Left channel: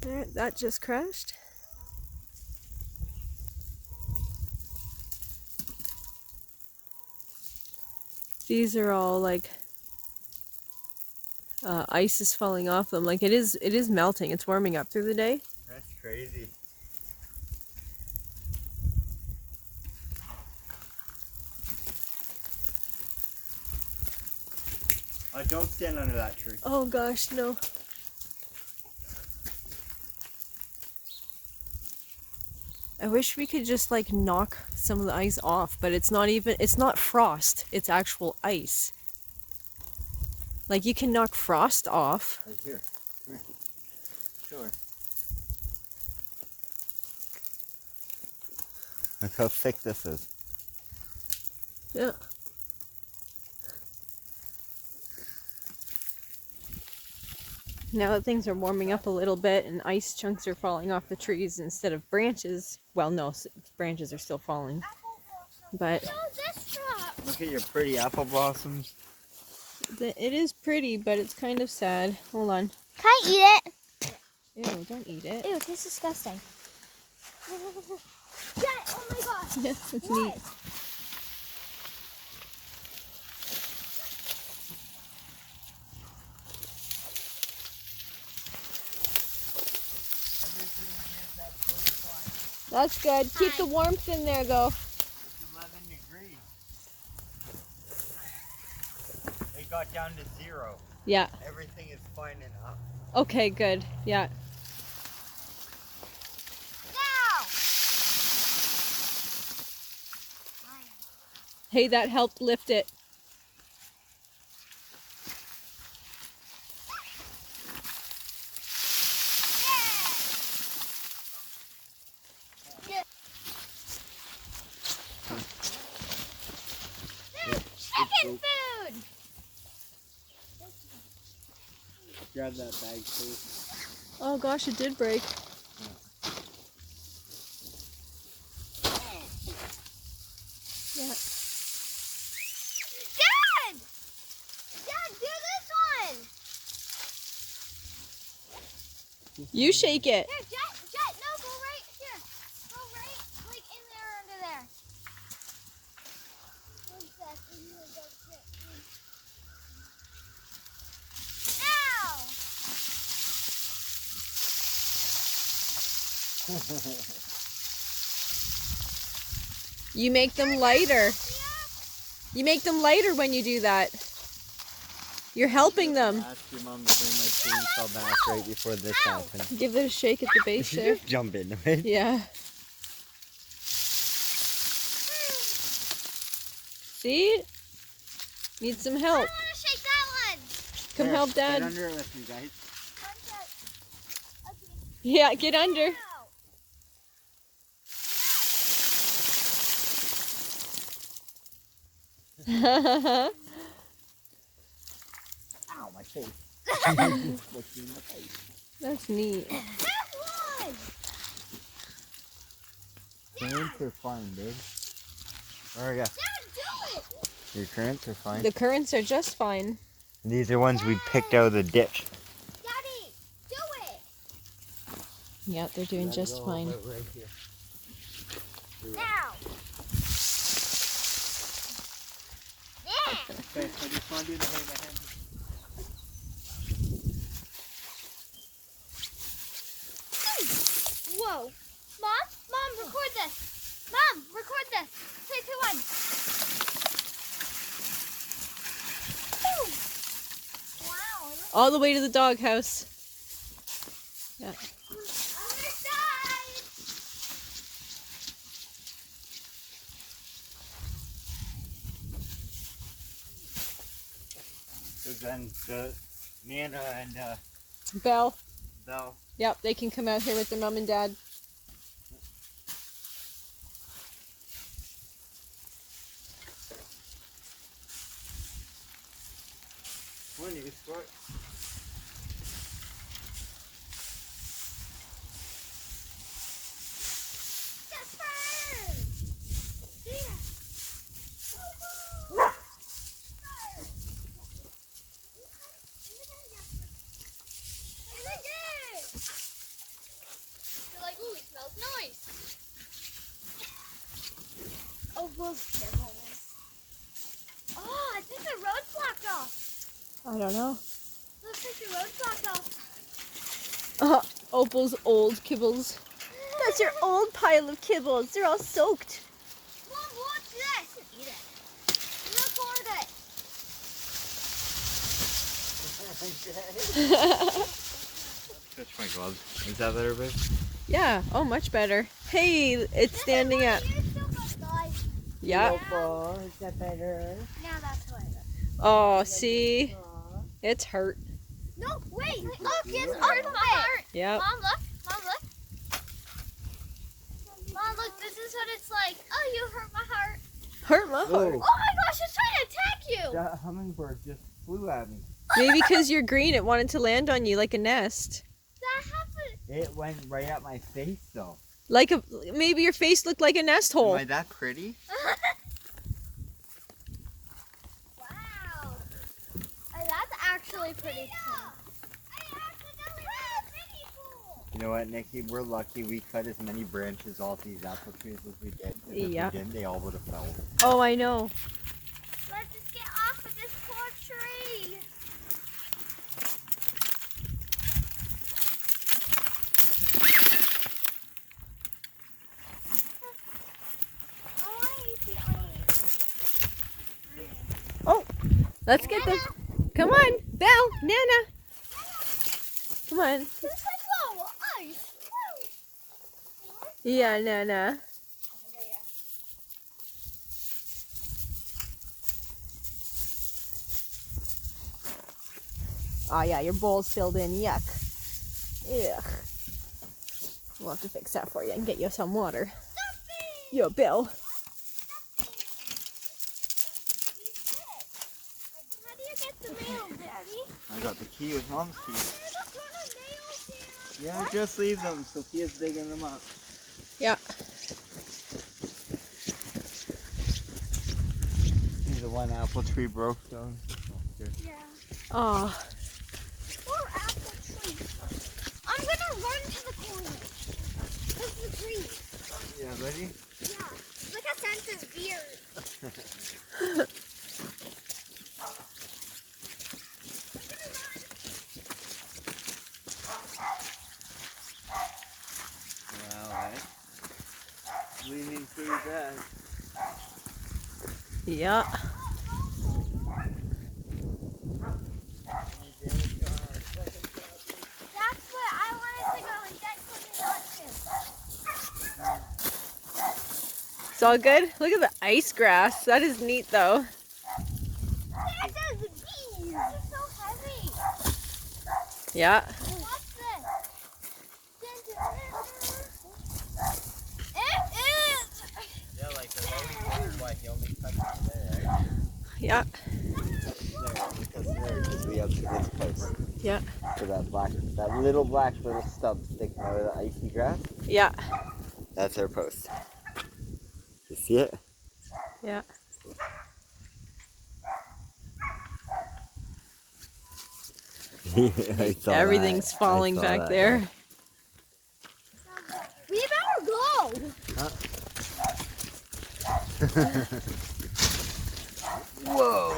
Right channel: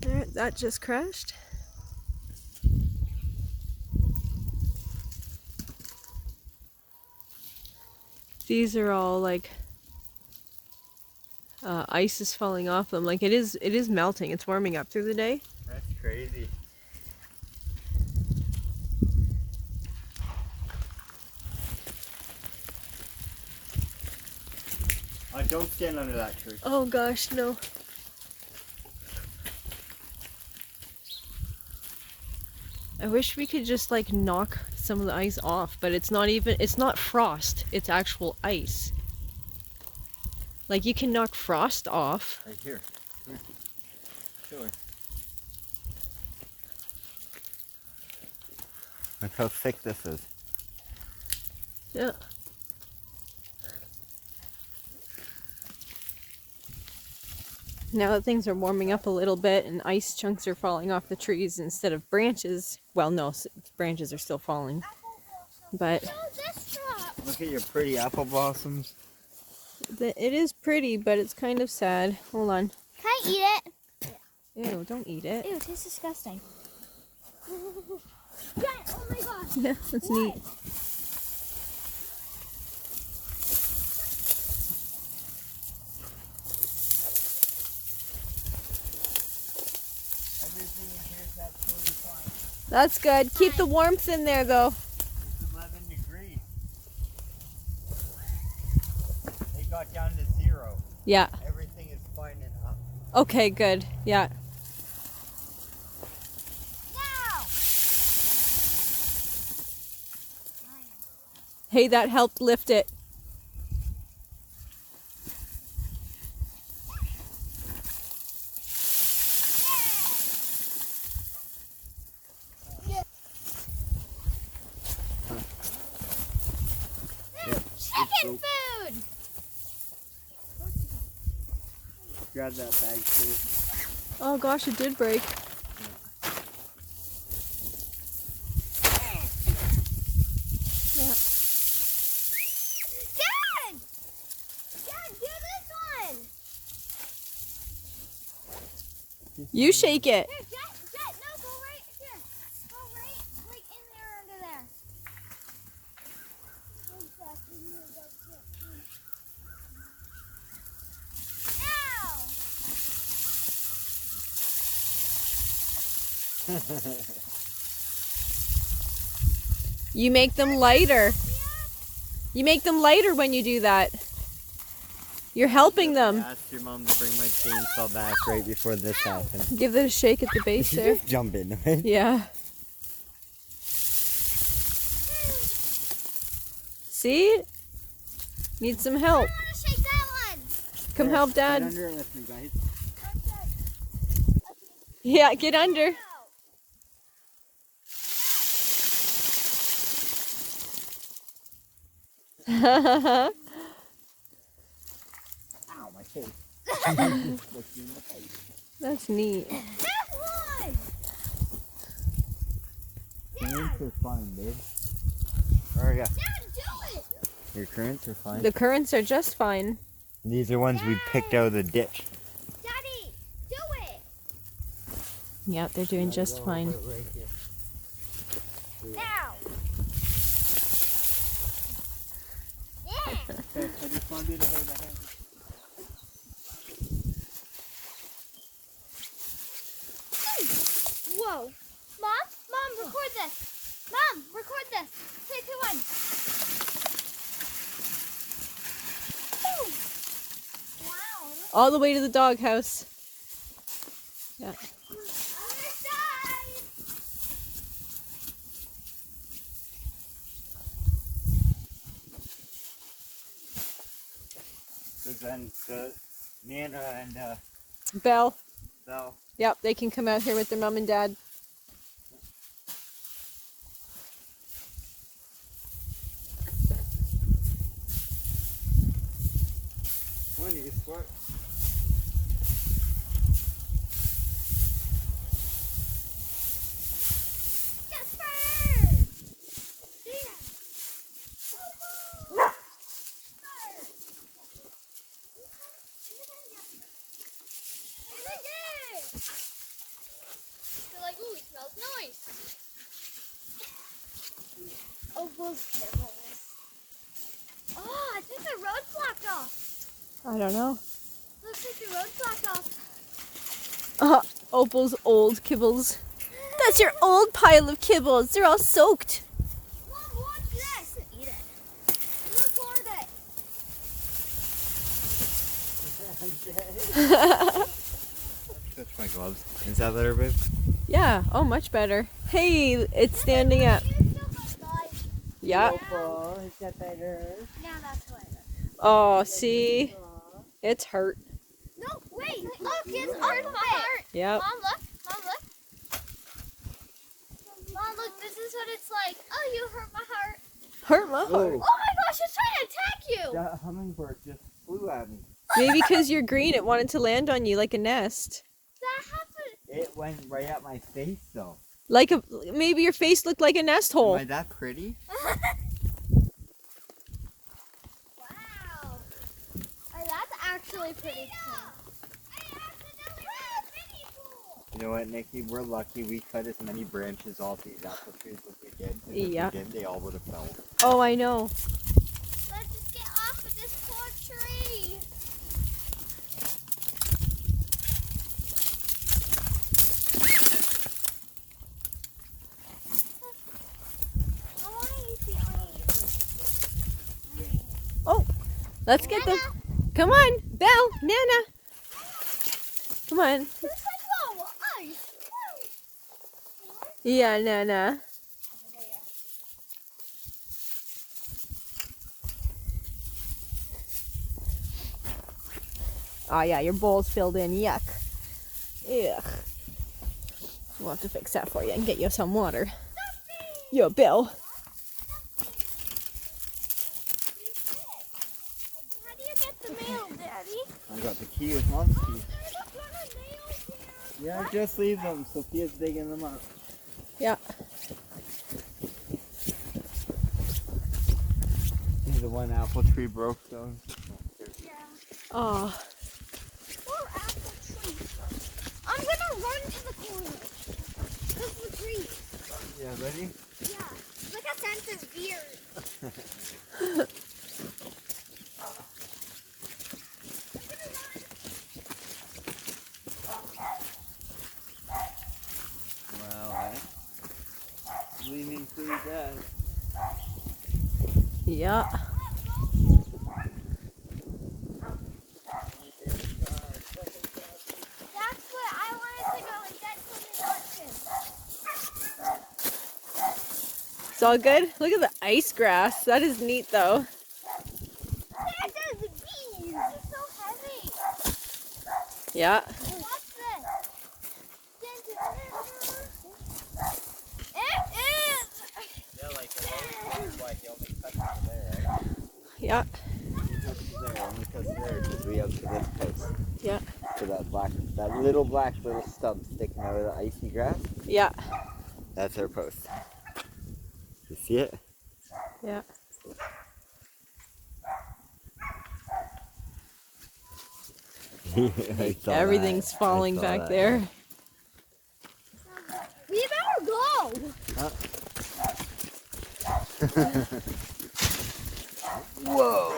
There, that just crashed. These are all like ice is falling off them. Like it is melting. It's warming up through the day. That's crazy. Don't stand under that tree. Oh gosh, no. I wish we could just like knock some of the ice off, but it's not frost, it's actual ice. Like you can knock frost off. Right here. Sure. Look how thick this is. Yeah. Now that things are warming up a little bit and ice chunks are falling off the trees instead of branches. Well, no, branches are still falling. But look at your pretty apple blossoms. It is pretty, but it's kind of sad. Hold on. Can I eat it? Ew, don't eat it. Ew, it tastes disgusting. Yeah, oh my gosh. Yeah, that's neat. That's good. Keep the warmth in there, though. It's 11 degrees. It got down to 0. Yeah. Everything is fine and up. Okay, good. Yeah. Now. Hey, that helped lift it. Food. Grab that bag, please. Oh gosh, it did break. Yeah. Dad! Dad, do this one! You shake it. Here, Jet, no, go right here. Go right, like in there, under there. You make them lighter. You make them lighter when you do that. You're helping them. I asked your mom to bring my chainsaw back right before this happened. Give it a shake at the base there. Just jump in, right? Yeah. See? Need some help. Shake that one. Come help Dad. Get under it with me, guys. Yeah, get under. Ow, my face. That's neat. Cramps are fine, babe. There we go. Your cramps are fine. The currants are just fine. These are ones we picked out of the ditch. Daddy, do it. Yeah, they're doing just fine. Right here. Now. Okay, I just want you to hold my hand. Whoa. Mom, record this. Mom, record this. 3, 2, 1. Boom. Wow. All the way to the doghouse. Yeah. Other side. So then Nana and Belle. Belle. Yep, they can come out here with their mom and dad. When you squirt. Oh, kibbles. Oh, I think the road's blocked off. I don't know. Looks like the road's blocked off. Opal's old kibbles. That's your old pile of kibbles. They're all soaked. Mom, watch this. Eat it. Record it. Catch my gloves. Is that better, babe? Yeah. Oh, much better. Hey, it's standing up. Yeah. Oh, he's got that girl. Now that's what it is. Oh, see? It's hurt. No, wait. Look, it's hurt my heart. Yep. Mom, look. Mom, look. Mom, look. This is what it's like. Oh, you hurt my heart. Hurt my heart. Oh, Oh my gosh, it's trying to attack you. that hummingbird just flew at me. Maybe because you're green, it wanted to land on you like a nest. That happened. It went right at my face, though. Like a maybe your face looked like a nest hole. Am I that pretty? Wow. That's actually pretty cool. You know what, Nikki? We're lucky we cut as many branches off these apple trees as we did. And if Yeah. we didn't, they all would have fell. Oh, I know. Let's just get off of this poor tree. Let's get them. Come on, Belle, Nana. Come on. This is all ice. Yeah, Nana. Oh yeah, your bowl's filled in. Yuck. Ugh. We'll have to fix that for you and get you some water. Yo, Bill. How do you get the mail, Daddy? I got the key with Mom's key. I don't want a mail here. Yeah, just leave them. Sophia's digging them up. Yeah. The one apple tree broke down. Yeah. Oh. Poor apple tree. I'm gonna run to the corner. This is the tree. Yeah, ready? Yeah. Look at Santa's beard. Well, leaning pretty bad. Yeah. That's what I wanted to go and get something else. It's all good. Look at the ice grass. That is neat though. Santa's bees. It's so heavy. Yeah. What's this? Yeah, like why he only cuts it there, right? Yeah. We have to this place. Yeah. So that little black stump sticking out of the icy grass, Yeah. that's our post. You see it? Yeah. I saw Everything's that. falling I saw back that. there. We better go. Whoa!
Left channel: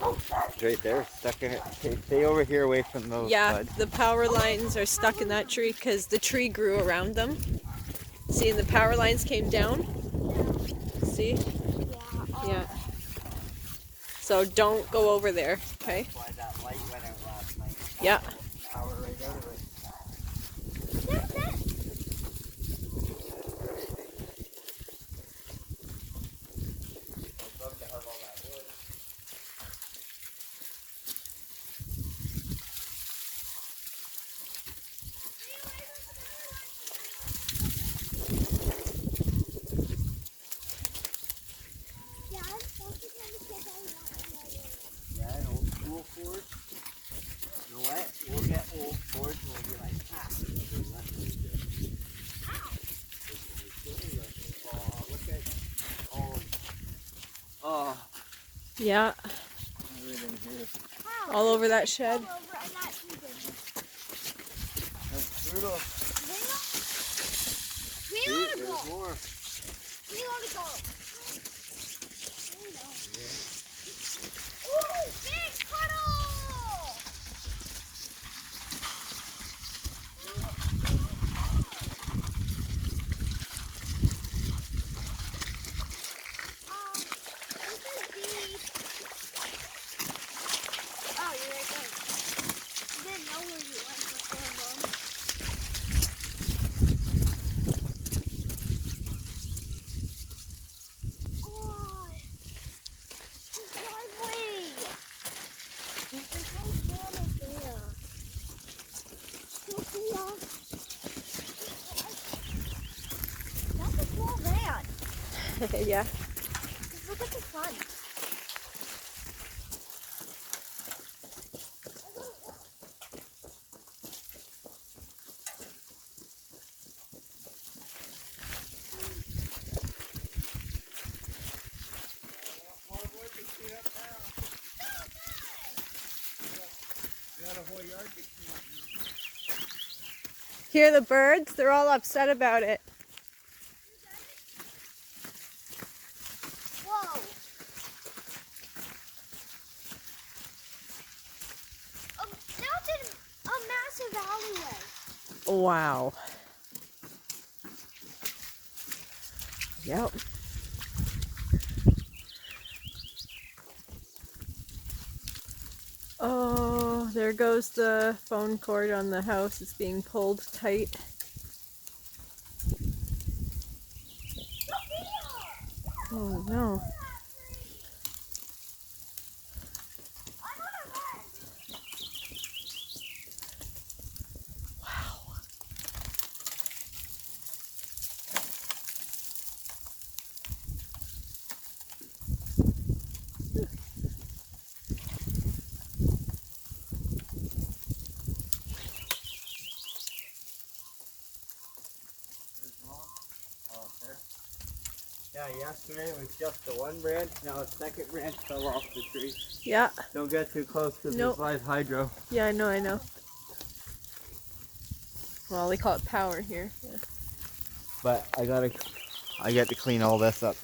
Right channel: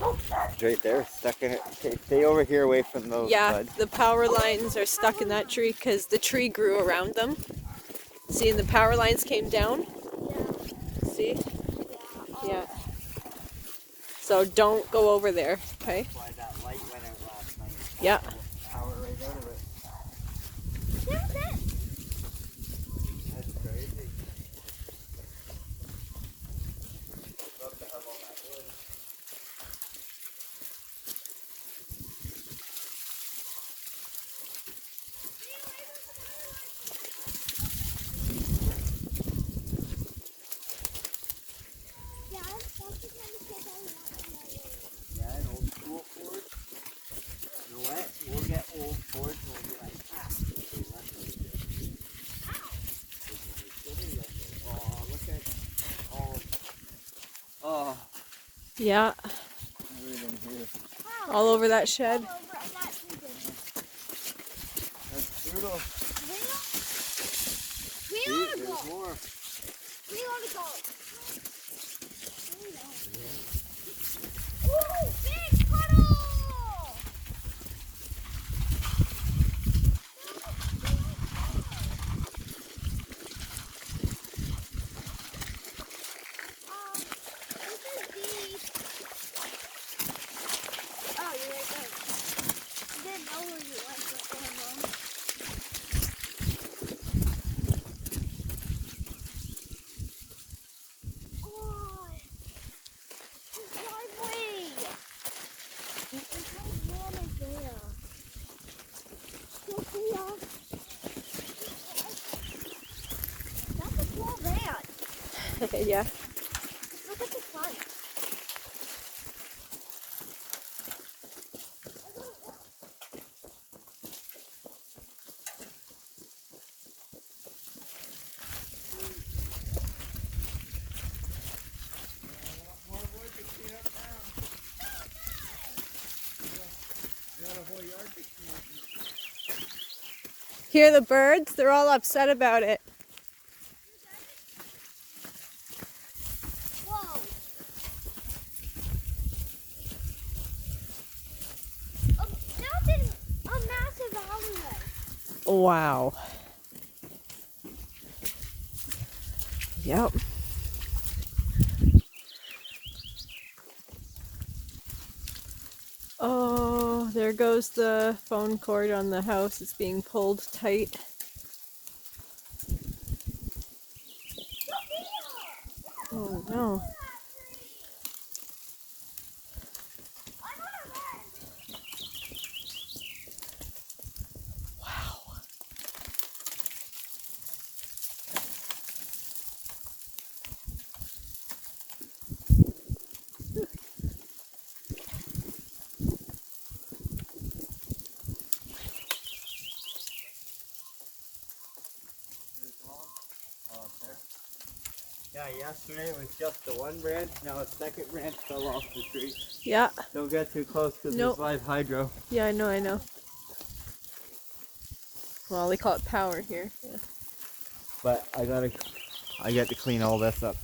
It's right there, stuck in it. Stay over here away from those Yeah, buds. the power lines are stuck in that tree because the tree grew around them. See, and the power lines came down. See? Yeah. So don't go over there, okay? Why that light went out last night. Yeah. Power right out of it. Love to have all that wood. Yeah, an old school Ford. You know what? We'll get old Fords and we'll be like, look at all. Oh, Yeah. everything here. All over that shed. That's brutal. See, there's more. We gotta go. Ooh, big puddle! This is deep. Oh, you're right there. I didn't know where you are. Oh, it's driveway. That's a small van. Yeah. Look at the front. More wood to clean up now. We got a whole yard to clean up now. Hear the birds? They're all upset about it. Whoa. That's a massive alleyway. Wow. Yep. Oh, there goes the phone cord on the house. It's being pulled tight. Oh no. Wow. Yeah, yesterday it was just the one branch. Now a second branch fell off the tree. Yeah. Don't get too close because Nope. there's live hydro. Yeah, I know. Well, we call it power here. Yeah. But I get to clean all this up.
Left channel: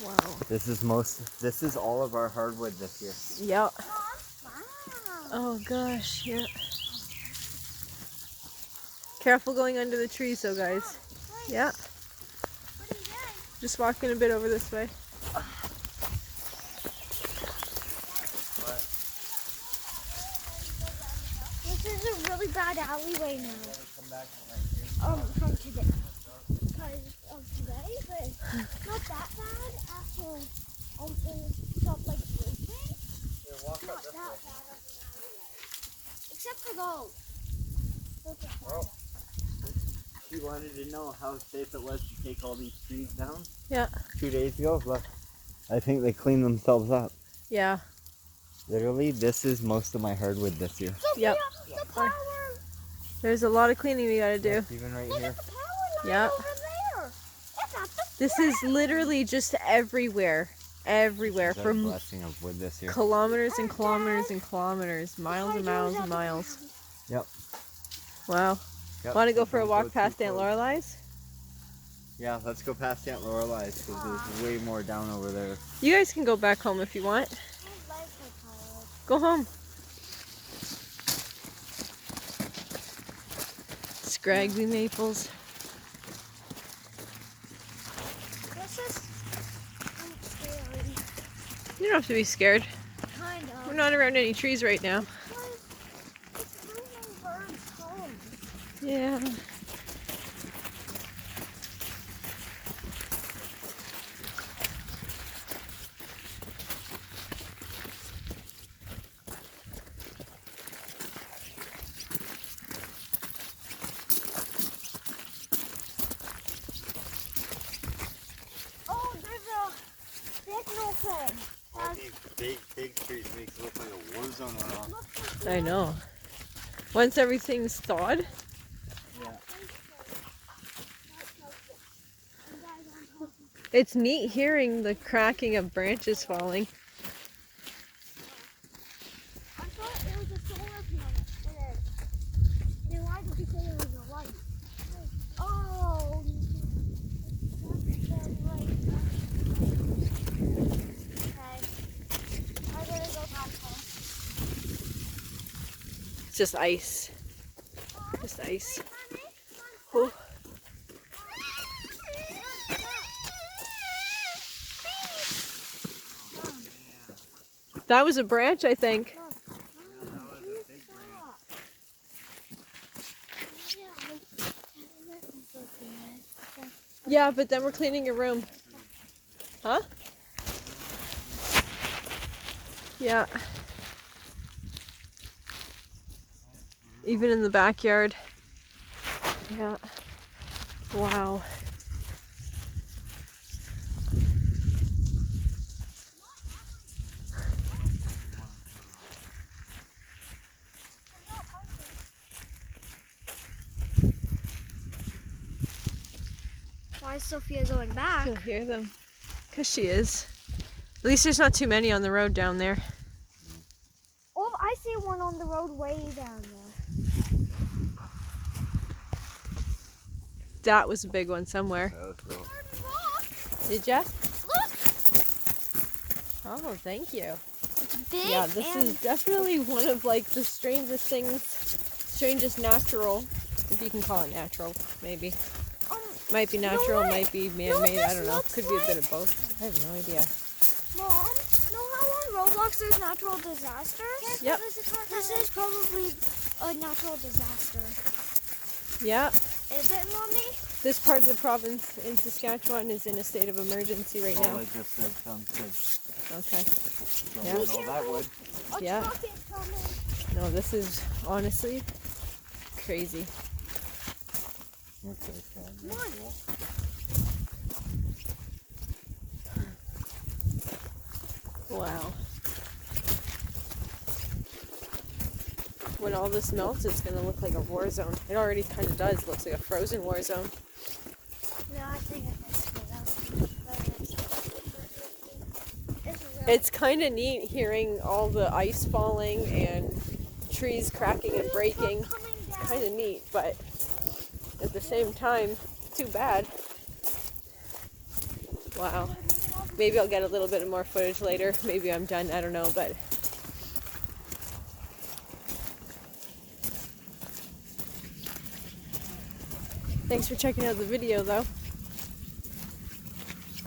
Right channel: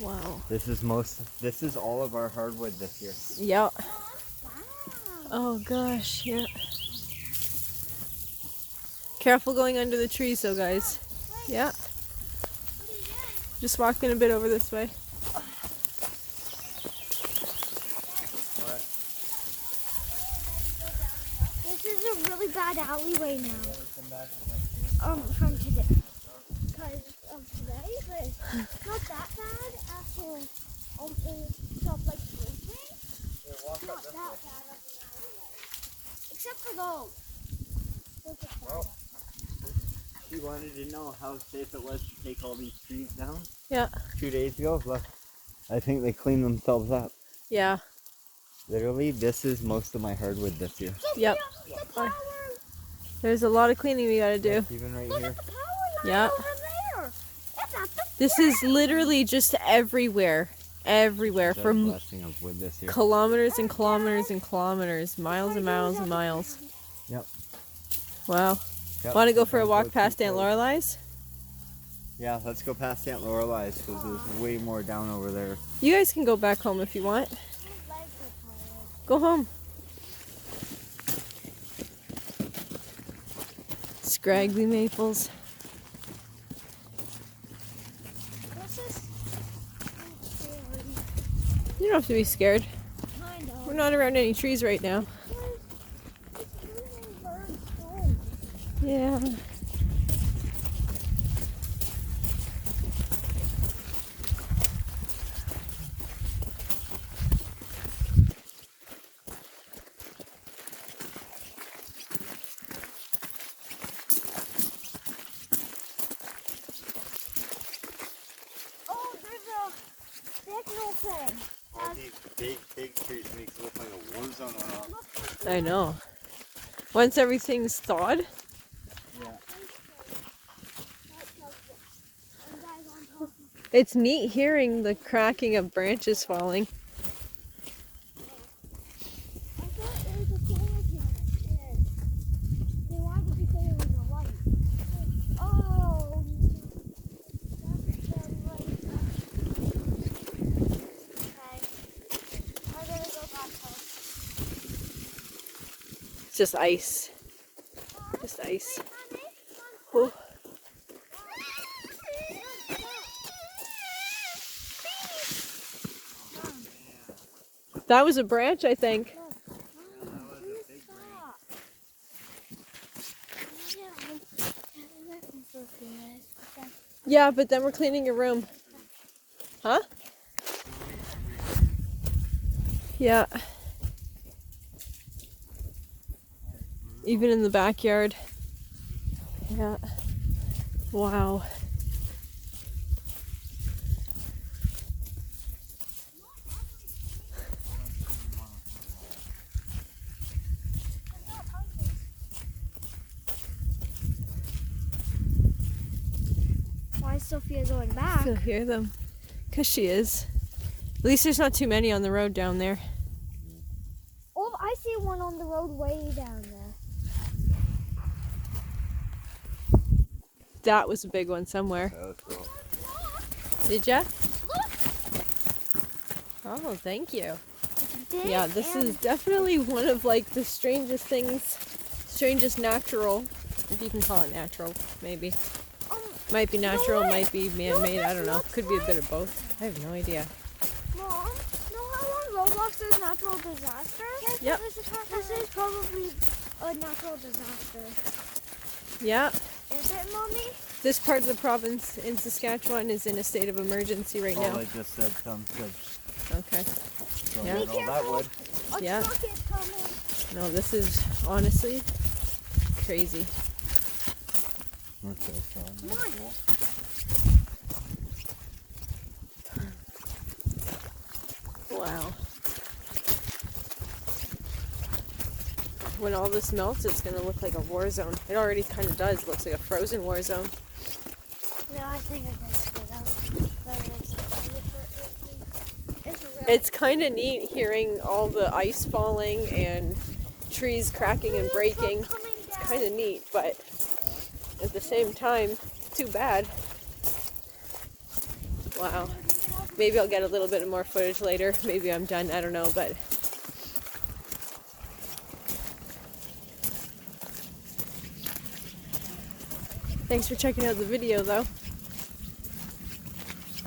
Wow. This is all of our hardwood this year. Yep. Oh gosh, yeah. Careful going under the trees though, guys. Yeah. Just walking a bit over this way. This is a really bad alleyway now. From today. Because of today, but it's not that bad after it felt like sleeping. It's not that bad. Except for those. Those are bad. She wanted to know how safe it was to take all these trees down. Yeah. 2 days ago, look. I think they cleaned themselves up. Yeah. Literally, this is most of my hardwood this year. Yep. The power. There's a lot of cleaning we gotta do. Even right Look here. at the power line Yeah. over there. That's not the This is literally just everywhere. Everywhere. What a For blessing of wood this year. kilometers and kilometers and kilometers. Miles and miles and miles. Yep. Wow. Yep. Want to go for a Don't walk too past Aunt close. Lorelai's? Yeah, let's go past Aunt Lorelai's because there's way more down over there. You guys can go back home if you want. Go home. Scraggly maples. This is scary. You don't have to be scared. Kind of. We're not around any trees right now. It's moving birds home. Yeah. Oh, there's a signal fence. All these big trees make it look like a war zone right now. I know. Once everything's thawed. Yeah. It's neat hearing the cracking of branches falling. I thought it was a solar panel. Then why did you say it was a light? Oh. just ice. Just ice. Oh. That was a branch, I think. Yeah, but then we're cleaning your room. Huh? Yeah. Even in the backyard. Yeah. Wow. Why is Sophia going back? I hear them. Because she is. At least there's not too many on the road down there. Oh, I see one on the road way down there. That was a big one somewhere. That was cool. Did ya? Oh, thank you. It's big. Yeah, this is definitely one of like the strangest things, strangest natural, if you can call it natural, maybe. Might be natural, might be man-made, I don't know. Could be a bit of both. I have no idea. Mom, know how on Roblox there's natural disasters? Yep. This is probably a natural disaster. Yeah. Is it, Mommy? This part of the province in Saskatchewan is in a state of emergency right now. Well, they just said some kids. Okay. So Yeah. no, that would. A Yeah. truck is coming. No, this is honestly crazy. Okay, so that's cool. Wow. When all this melts, it's going to look like a war zone. It already kind of does. It looks like a frozen war zone. No, I think it makes it up. It's kind of neat hearing all the ice falling and trees cracking and breaking. It's kind of neat, but at the same time, too bad. Wow. Maybe I'll get a little bit more footage later. Maybe I'm done. I don't know, but thanks for checking out the video, though.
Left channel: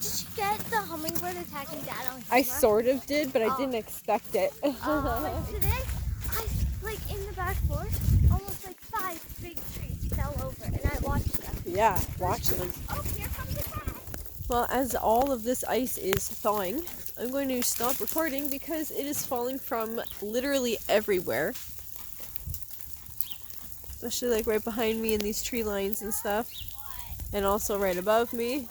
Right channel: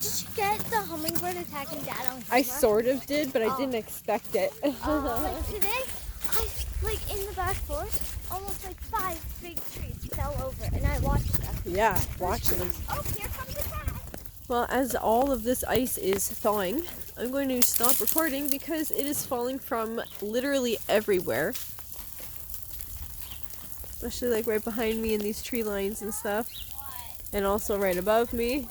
Did you get the hummingbird attacking Dad on camera? I sort of did, but I Oh. didn't expect it. Like today, like in the back forest, almost like 5 big trees fell over, and I watched them. Yeah, watch them. Oh, here comes the cat. Well, as all of this ice is thawing, I'm going to stop recording because it is falling from literally everywhere. Especially like right behind me in these tree lines and stuff. And also right above me.